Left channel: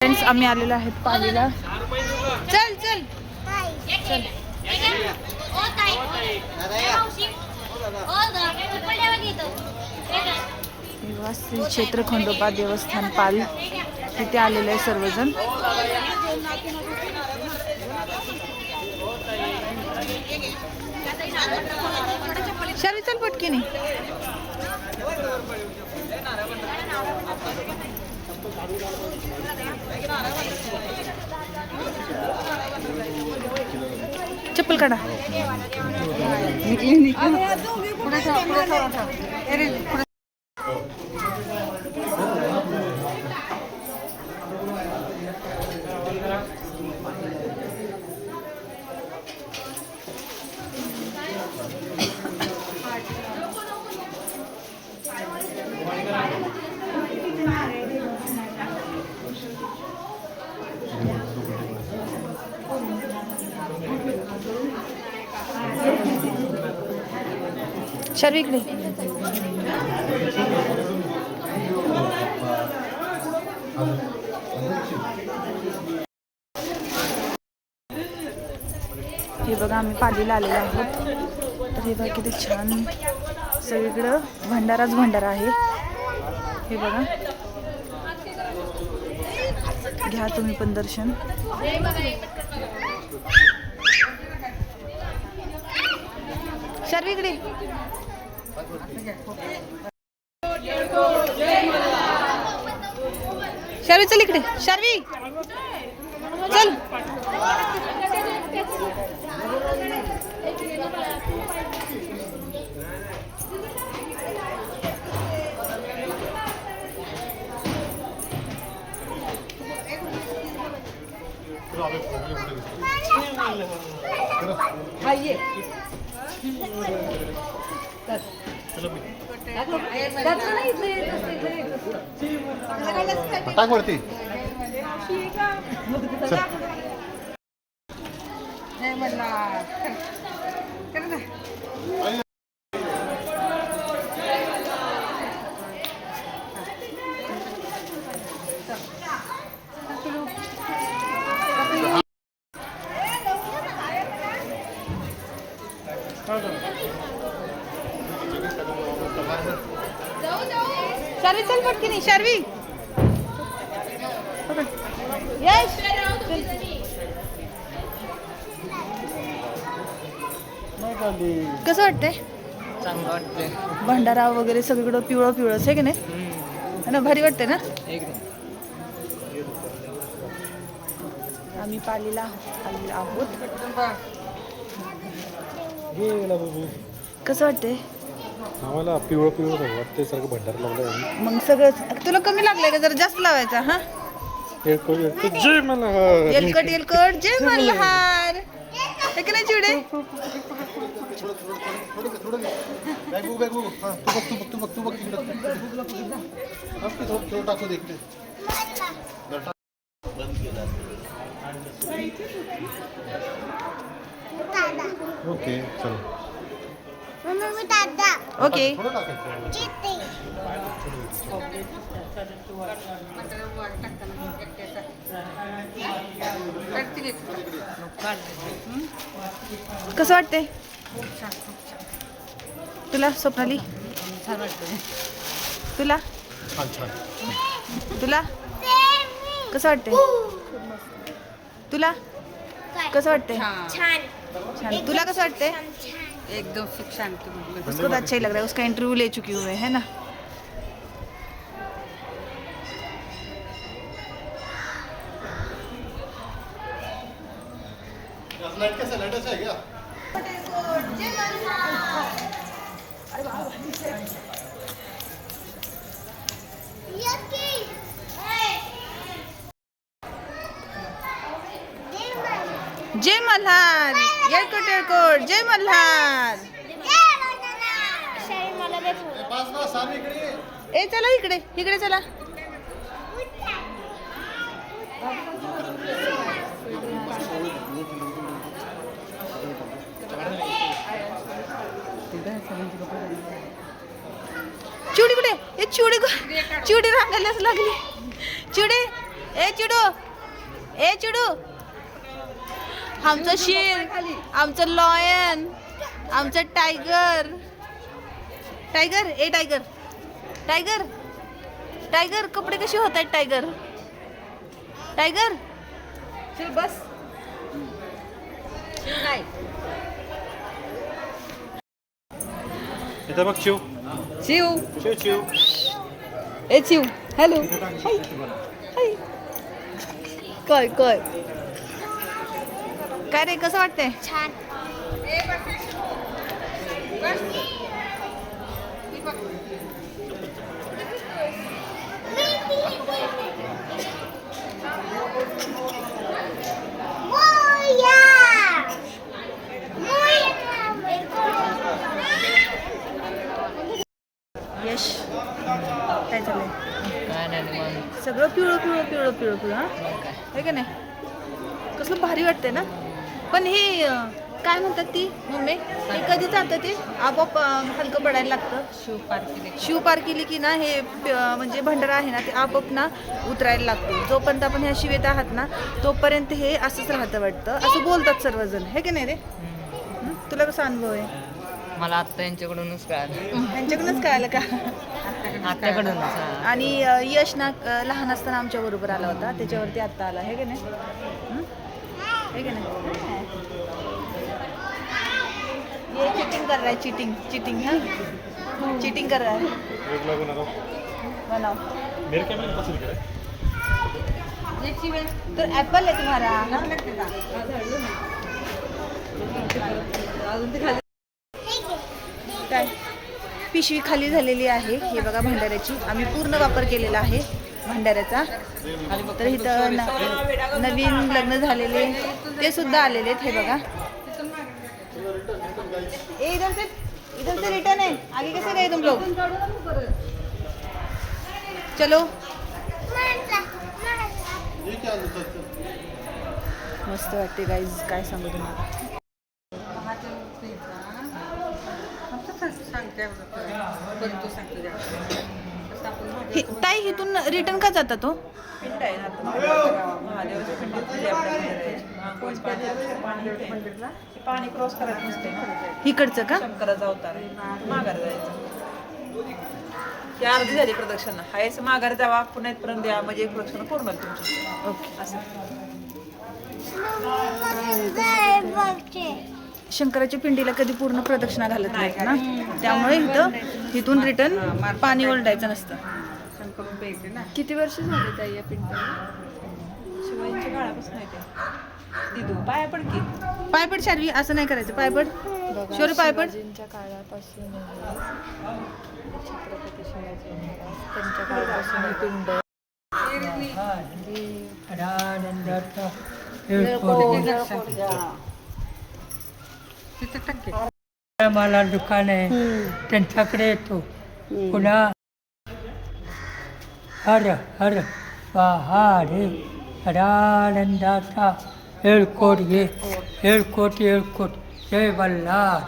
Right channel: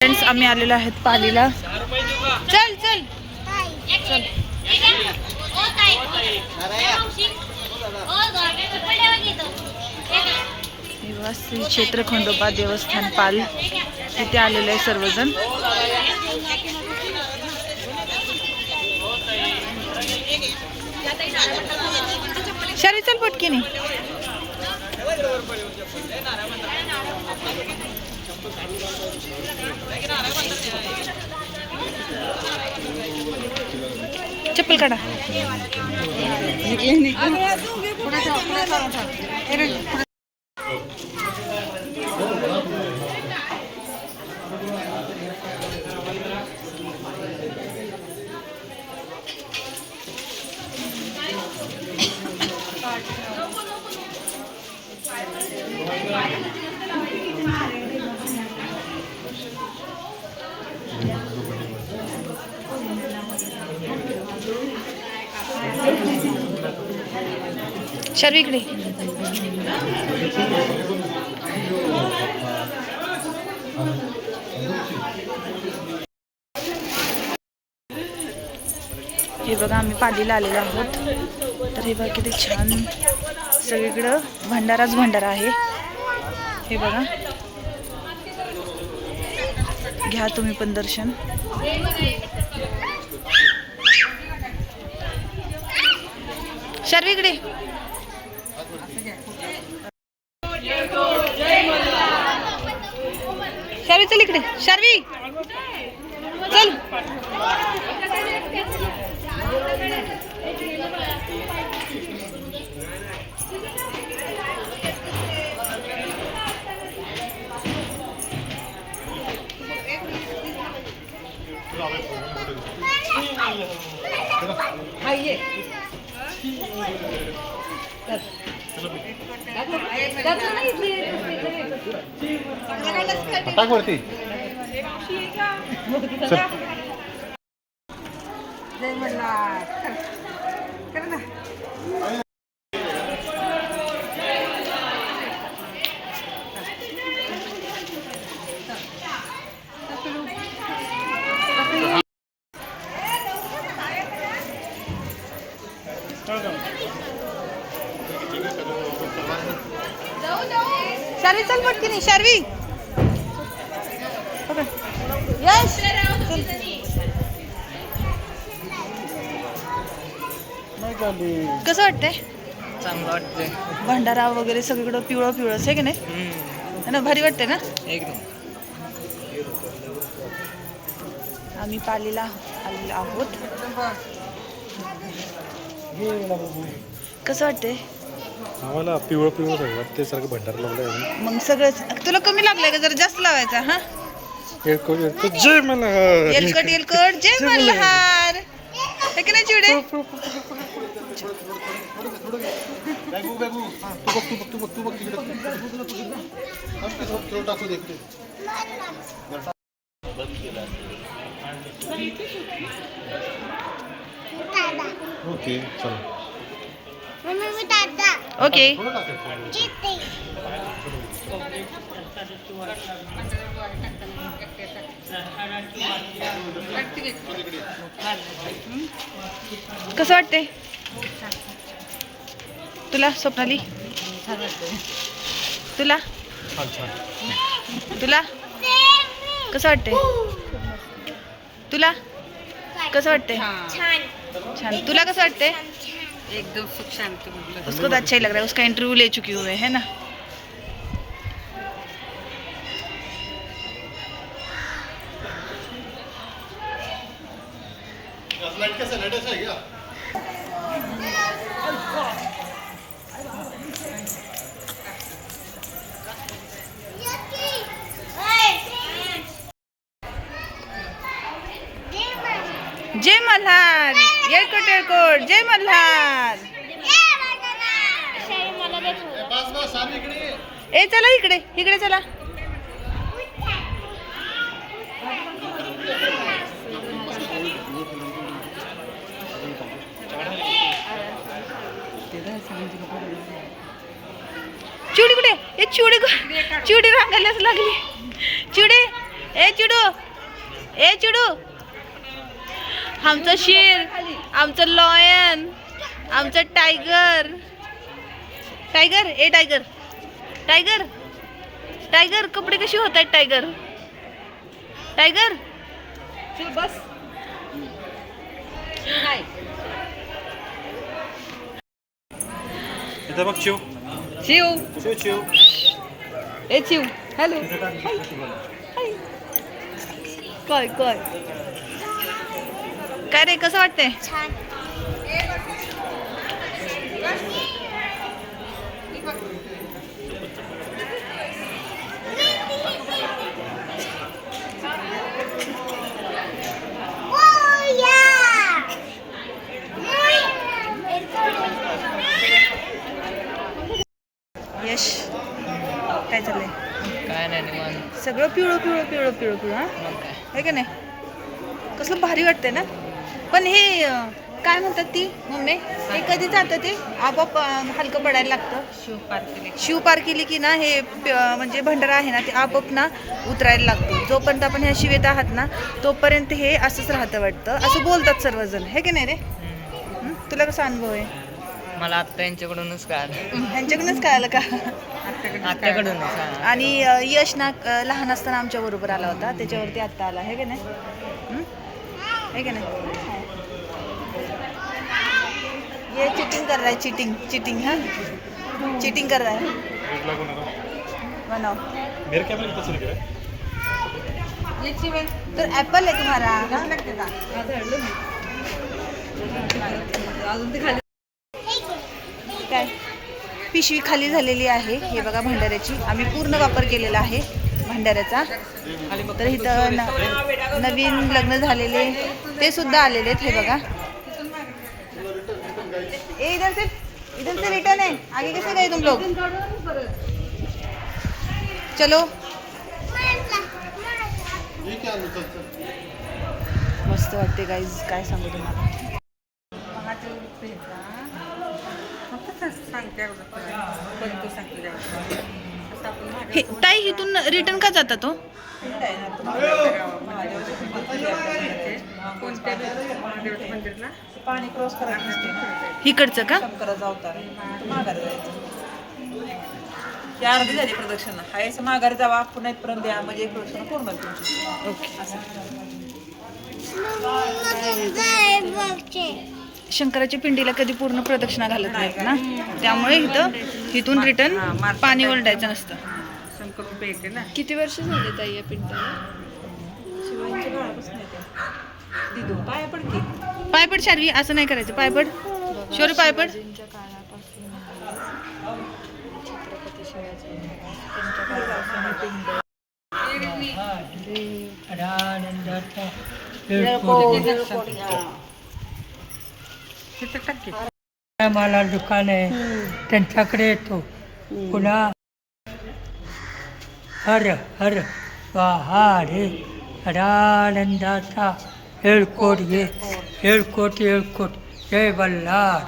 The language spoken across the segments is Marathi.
फ्रेंड्स आम्ही आलेलो आहेत पालीला. चल चल चल. श्री क्षेत्र खंडोबा देवस्थान पाल तिथे आलेले आहे सर्वजण. शरी चल पटकीने. चप्पल काढा. शर्वी इकडे. हे बघा आम्ही पालीला आलेलो आहोत. तर हे बघा किती छान सगळीकडं भंडाराच भंडारा आहे. हे बघा घ्या तुम्ही पण दर्शन. शर्वी इकडे. शर्वी चल इकडे. शर्वी चल. टाक वरती. शर्वी चल पटकीने. शर्वी यस. कसं वाटतंय? चांगलं वाटतंय. भंडारा वगैरे सगळीकडं पिवळं पिवळं आहे की नाही? है ना, भारी वाटते ना एकदम. आम्ही पालीला आलेलो आहोत. कसं वाटतंय? आम्हाला पिवळं पिवळं सगळं वाटते. सारखं भंडारा लावलाय. मग सगळं तुला कमी लागलंय का? जरा जास्त लावायचा. हा जय मल्हार. येलकट येलकट जय मल्हार. है की नाही चिवडे? ओके चलो. ओके. कसं वाटतंय तुला स्वप्नाली? तुला तुला कसं वाटतंय? तुला कसं वाटतंय? छान. तुला कसं वाटतंय? एकदम सुख शांति. उसको तो अच्छा ही लग रहा है. उसका इंटरव्यू ले चुकी हुए है ना. जय मल्हार. येळकोट येळकोट जय मल्हार. ए चला इकडे इकडे चला. चिवडी कुठे? चिवडी चिवडी रांगायलाच लागली. चिवडे ए चिडू, ए चिडू, आमचं शेर, आमचं लॉयन, आमचं टायगर. टायगर, ए टायगर, टायगर, टायगर, कपडे कशी होत आहेत टायगर? टायगर चल बस. इथं बघ चिव चिव चिव चिव. ए चिव हॅलो. काय काय काय रे, कसं वाटतंय? यश काय चाललंय? काय नाही निवांत. सगळं पिवळं पिवळं पिवळं पिवळं पिवळं हा, मग काय आहे का नाही? कसलं भारी वाटतंय ना. पण हे काय म्हणतात ती मम्मी, हे कधी जातं ते आपोआप हलकं पडायला लागतं. शिव पार केली की ना हे म्हणजे भंडारा आहे ना ते आपोआप ना उतरायला लागतो. जोपर्यंत आपण ह्या शिवेत आहात ना तोपर्यंत हे असंच राहतं वाटतं, असं बोलतात सर्वजण, हे की नाही रे? तुला कसा अनुभव आहे? मला आत्ता यांच्याकडूनच कळालं. ह्यांच्याकडूनच कळालं का? आत्याकडूनच. आणि यश ना लहान असताना आमच्या बरोबर आला होता, त्याच्यावरती आत्ता आला, हे की नाही? हे की नाही? ये चिटिंग कर रहा है, चिटिंग चिटिंग है, चिटिंग कर रहा है. रेड लागू नका. बनाओ. मेरे कैमरे में कसं दिख तर ऍपल आहे तुम्हाला अजून ते खाली काय? पिशवी खाली झालेली आहे. हे बघा भंडाऱ्याची, आम्ही पूर्ण वापर केलेला आहे भंडाऱ्याचा. तर इथं नवीन लग्न झालेले ते सुद्धा आलेले आहेत. हे बघा, इधर से रिटर्न है, आगे कैसे गए तुम लोग? चलो. मस्त वाटते गाईज, काय सांगू तुम्हाला. हे ताई इथून रिटर्न का जाता तो? पाणी क्रॉस करायचं नसते ना, इकडचं का? शंकराचा अवतार आहे, माघार जायचं. ही अर्धी झाली प्रदक्षिणा, हायचं माघार जावा, पुन्हा इथपर्यंत द्या, म्हणजे एक प्रदक्षिणा पूर्ण होईल तुमची. ओके. शंकराच्या पिंडीला कधी पूर्ण प्रदक्षिणा घालत नाहीत ना, त्यामुळे इथून रिटर्न पाणी ओरडायचं नसतं. शंकरून पेटे ना, किती वर्ष झाले ताई या पिंडीला? शिवाजीच्या काळापासून आहे ते. दिदू पाया पड की. पायपड शारवी, असं नाही करायचं. पायपड शौर्य, पायपड. मला दुकान आहे त्यांच्याकडे येतो. पुन्हा हर हर रे हरानंदाचा येळकोट ये, येळकोट येळकोट, जय बल्लाळ.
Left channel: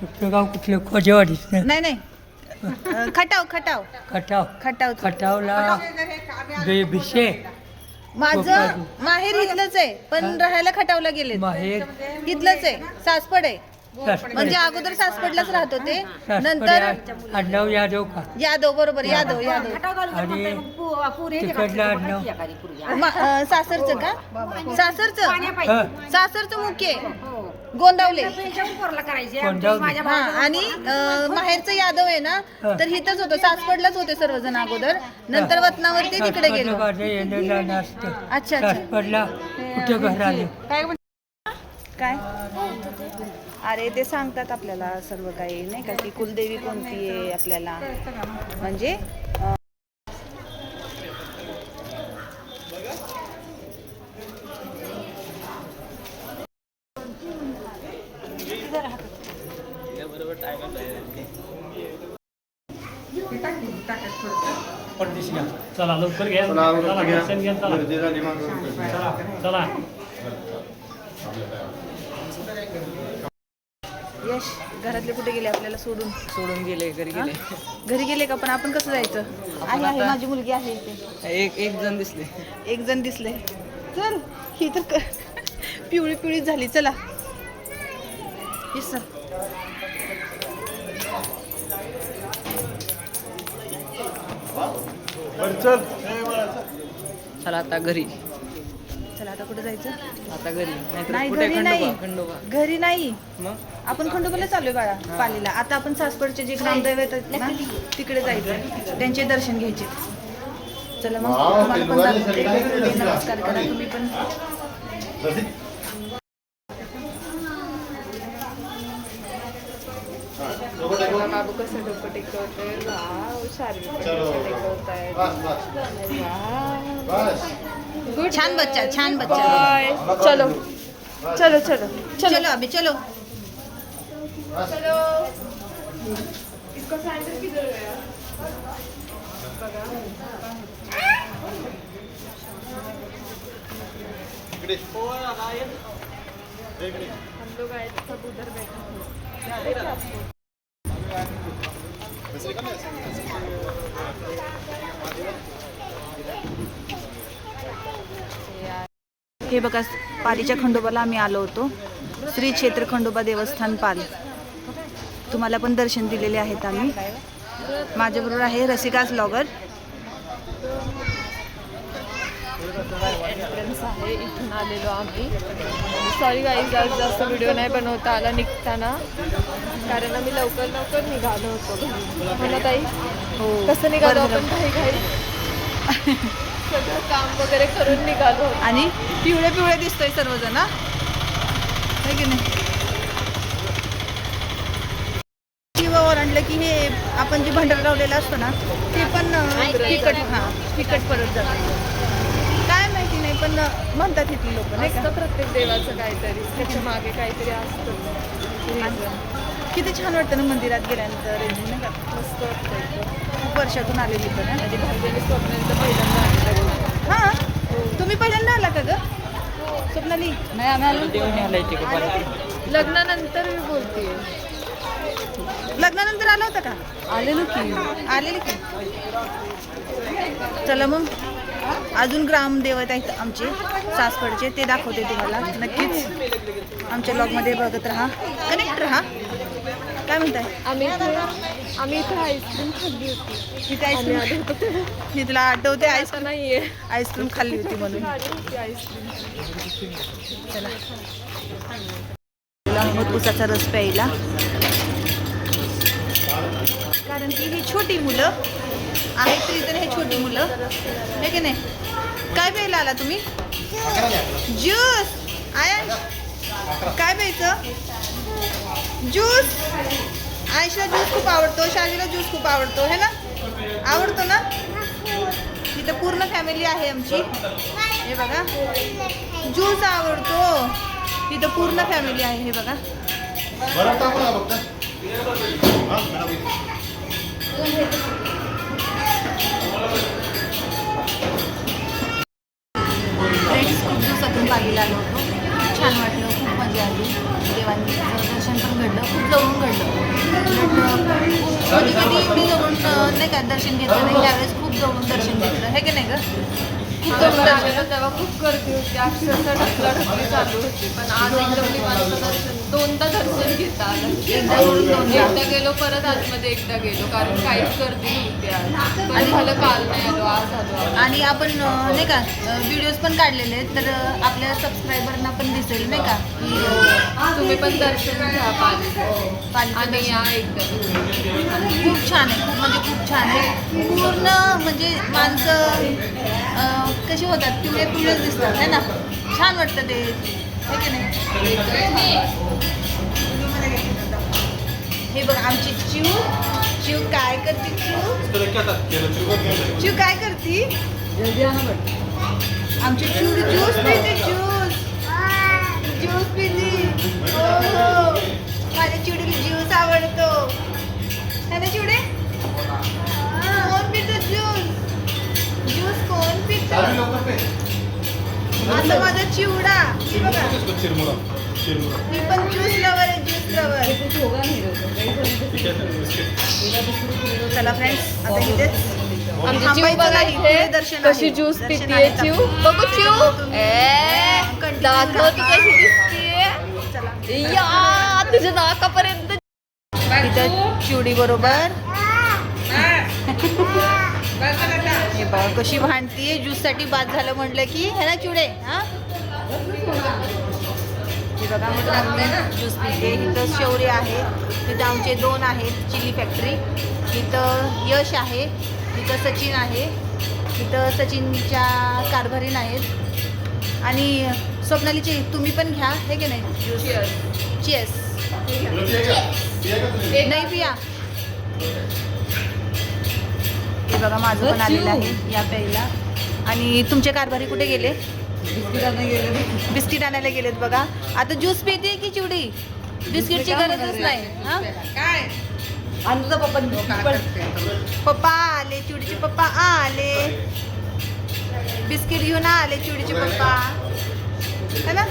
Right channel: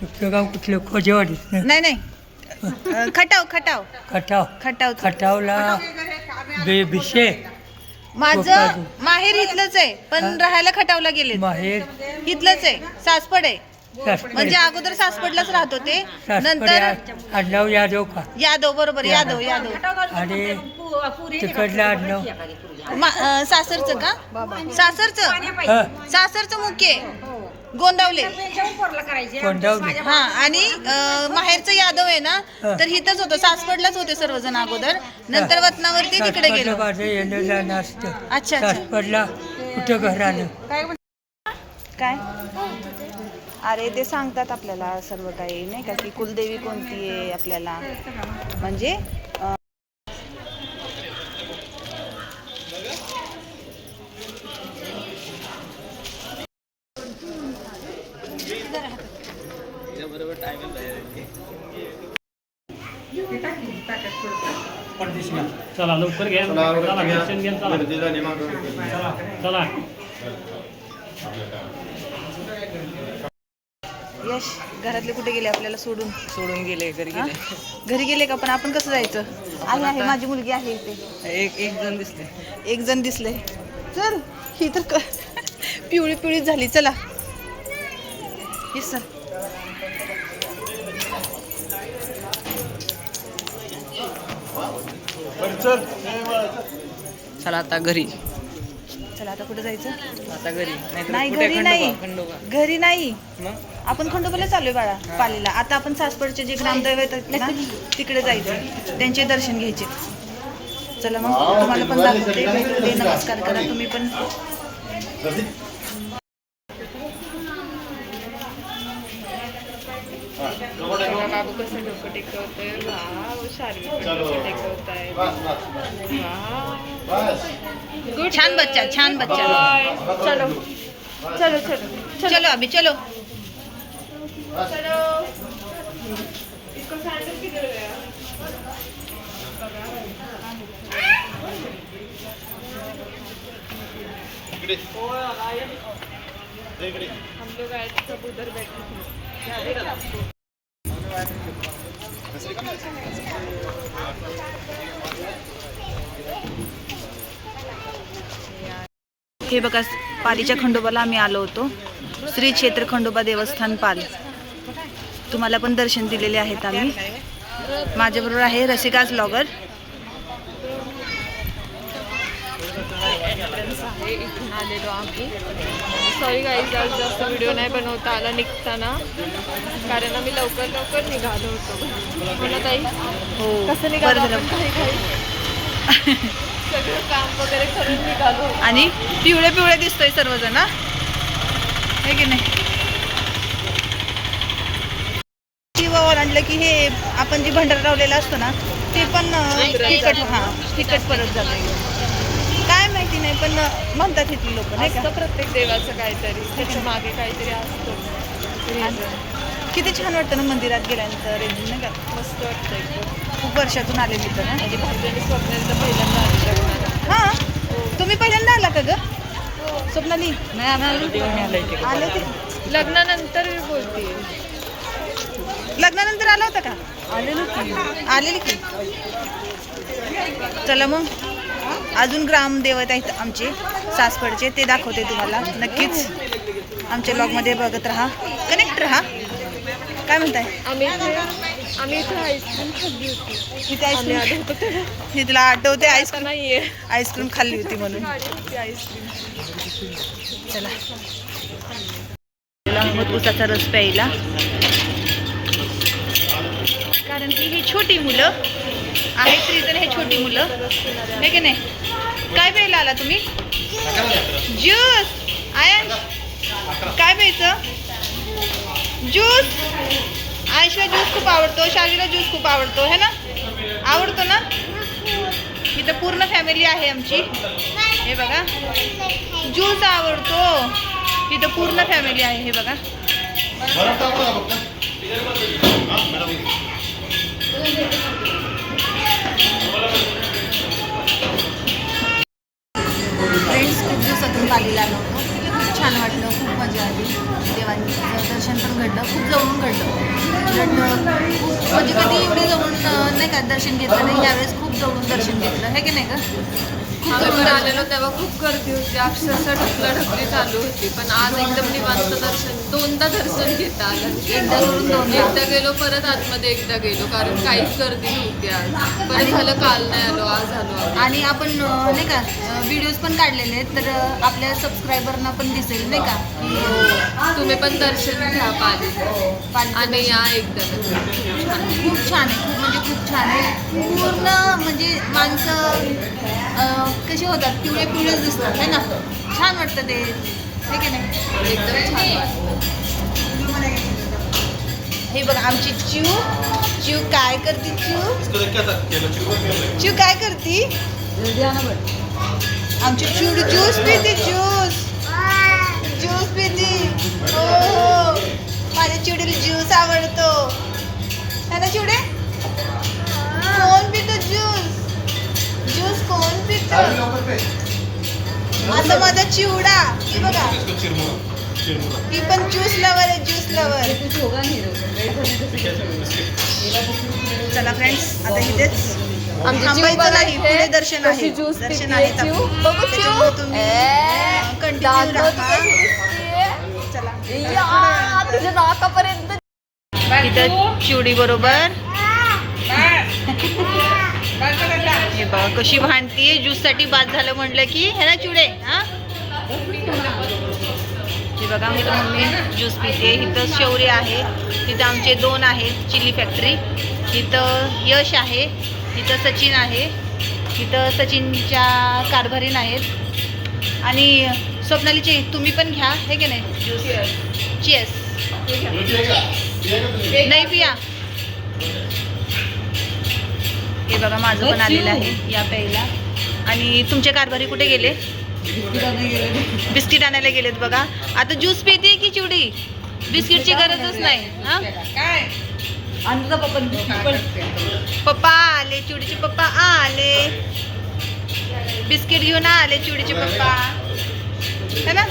तुझं गाव कुठलं? खोजेवाडीच ना? नाही नाही, खटाव खटाव खटाव. खटाव. खटावला बिशे. माझं माहेर इथलंच आहे, पण राहायला खटावला गेले. माहेर इथलंच आहे, सासपड आहे. सासपड. म्हणजे अगोदर सासपडलाच राहत होते, नंतर आडनाव यादव का? यादव. बरोबर, यादव यादव. आणि तिकडलं आडनाव सासरचं का? सासरचं हं, सासरचं मुख्य गोंदावले. कोंडावली. हा, आणि माहेरचं यादव आहे ना, तर इथंच होतं, सासपडलाच होते सर्वजण अगोदर, नंतर वतनावरती तिकडे गेलो. माझं येणं जाणं असतं. अच्छा अच्छा. सासपडला कुठं घर आलं? काय? अरे ते सांगतात आपल्याला सर्व काही, नाही का, की कुलदेवी कोणती आहे आपल्याला, म्हणजे चला लवकर घ्या. चला दर्शन घ्या. चला चला. यश घरातले कुठे गेले आपल्याला सोडून? सोडून गेले घरी हा? गेले. घरी गेले का? पण आपण कसं जायचं? आहे आहे माझी मुलगी आहे इथे. एक जण दिसले. एक जण दिसले. चल ही तर पिवळी पिवळी झाली. चला येस सर. चला आता घरी. चला आता कुठे जायचं? आता घरी नाही कुठे? घरी नाही. खंडोबा. घरी नाही. मग आपण खंडोबाला चाललोय बाळा पालीला. आता आपण सासवडचे जे ग्रामदैव येतात ना तिकडे जायचं, त्यांचे दर्शन घ्यायचे. चला मग तुम्हाला पण दाखवते, भेटवते, नमस्कार करा तुम्ही पण. छान बच्चा, छान बच्चा. चलो चलो चलो चलो अभी चलो. हे बघा पालीच्या खंडोबाला आम्ही आलो होतो. श्री क्षेत्र खंडोबा देवस्थान पाल. तुम्हाला पण दर्शन दिलेले आहेत आम्ही. माझ्याबरोबर आहे रसिकाज ब्लॉगर. इथून आलेलो आम्ही. सॉरी गाईज, आज जास्त व्हिडिओ नाही बनवता आला निघताना, कारण आम्ही लवकर निघालो होतो. म्हणत आई हो कसं निघालो बरं आपण झालं. घाई सगळं काम वगैरे करून निघालो होतो. आणि पिवळे पिवळे दिसतोय सर्वजण हा? है की नाही? किंवा ओलांडलं की हे आपण जे भंडारा लावलेला असतो ना ते पण तिकट परत जातं. काय माहिती नाही पण म्हणतात इथली लोक नाही का? असतं प्रत्येक देवाचं काहीतरी, त्याच्या मागे काहीतरी असतं. आणि किती छान वाटतं ना मंदिरात गेल्यानंतर एकदम नाही का? मस्त वाटतं एकदम. खूप वर्षातून आलेली तर ना. माझी भाऊजी आणि स्वप्नाली तर पहिल्यांदा आली लग्नाला. हां तुम्ही पहिल्यांदा आला का ग स्वप्नाली? नाही आम्ही आलो. आले ते लग्नानंतर मी बोलते. लग्नानंतर आला होता का? आलेली की. चला मग अजून ग्रामदेवत आहेत आमचे सासवडचे, ते दाखवते तुम्हाला. नक्कीच आमच्या ब्लॉगमध्ये बघत राहा, कनेक्ट राहा. काय म्हणताय? आम्ही इथे आईस्क्रीम खाल्ली होती. इथे आम्ही आईस्क्रीम आलो होतो तेव्हा. मी तुला आठवते आता आईस्क्रीम नाहीये. आईस्क्रीम खाल्ली होती म्हणून. खाल्ली होती आईस्क्रीम. चला मग उसाचा रस प्यायला, कारण की ही छोटी मुलं आहेत तरी तर हे छोटी मुलं हे की नाही. काय प्यायला आला तुम्ही? ज्यूस. आयन काय प्यायचं? ज्यूस. आयशला ज्यूस खूप आवडतो, शालीला ज्यूस खूप आवडतो है ना? आवडतो ना? इथं पूर्ण फॅमिली आहे आमची. हे बघा ज्यूस आवडतो. इथं पूर्ण फॅमिली आहे. हे बघा फ्रेंड्स, खूप दिवसातून पालीला आलो होतो. खूप छान वाटलं, खूप मजा आली. देवांचं दर्शन पण घडलं, खूप जवळून घडलं. उलट खूप म्हणजे कधी एवढे जवळून नाही का दर्शन घेतलं नाही, यावेळेस खूप जवळून दर्शन घेतलं है की नाही ग? खूप जवळून आलेलो तेव्हा खूप गर्दी होती, अक्षरशः ढकलाढकली चालू होती. पण आज एकदम निवांत दर्शन, दोनदा दर्शन घेता आलं. एकदा करून दोनदा. एकदा गेलो, परत आतमध्ये एकदा गेलो, कारण काहीच गर्दी नव्हती आज. आणि झालं काल नाही आलो, आज आलो. आणि आपण नाही का व्हिडिओज पण काढलेले आहेत, तर आपल्या सबस्क्रायबरना पण दिसेल नाही का की तुम्ही पण दर्शन घ्या पालीचं आणि दर्शन. या एकदा. खूप छान आहे, खूप म्हणजे खूप छान आहे. पूर्ण म्हणजे माणसं कसे होतात, पिवळे पिवळेच दिसतात है ना. छान वाटतं ते हे की नाही. एकदम छान वाटतं. हे बघ आमची चिव काय करते? चिव काय करते? आमची चिव ज्यूस पिते. ज्यूस पिते. हो माझ्या चिवडीला ज्यूस आवडतो है ना चिवडे? कोण पितो ज्यूस कोण पितो? आता माझा चिवडा हे बघा ही पण ज्यूस लवर आहे, ज्यूस लवर. चला फ्रेंड्स, आता इथेच आमची थांबायचं नाही, पुढे दर्शन आहे. ज्यूस दर्शन आहे चिव बघू चिव त्याच्यामुळे तुम्ही कंटिन्यू राहा. चला तिच्या नाकापर्यंत इथं चिवडी बरोबर हे बघा कशी भांडतीये. ज्यूस साठी बाद झालं म्हणलं की है ना चिवडे. हा हे बघा मी तर मम्मी ज्यूस पिते. इथं शौर्य आहे, तिथं आमचे 2 आहेत चिली फॅक्टरी. इथं यश आहे, इथं सचिन आहे, इथं सचिनच्या कारभारीन आहेत. आणि स्वप्नालीचे तुम्ही पण घ्या, हे की नाही ज्यूस. चीयर्स. नाही पिया. हे बघा माझं पण आलेलं आहे या प्यायला. आणि तुमचे कारभारी कुठे गेले? बिस्किट आणायला गेलेत बघा. आता ज्यूस पिते की चिवडी? बिस्किटची गरजच नाही. हा पप्पा आले, चिवडीचे पप्पा आले, बिस्किट घेऊन आले चिवडीचे पप्पा, है ना.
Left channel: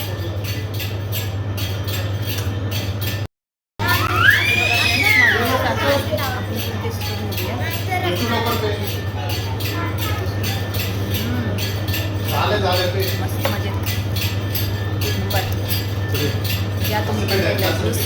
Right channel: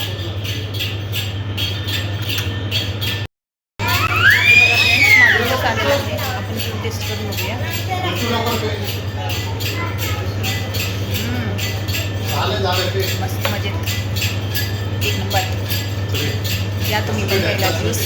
आपण टेस्ट करून बघूया. मस्त मजेत, एक नंबर. या तुम्ही पण पहिला ज्यूस.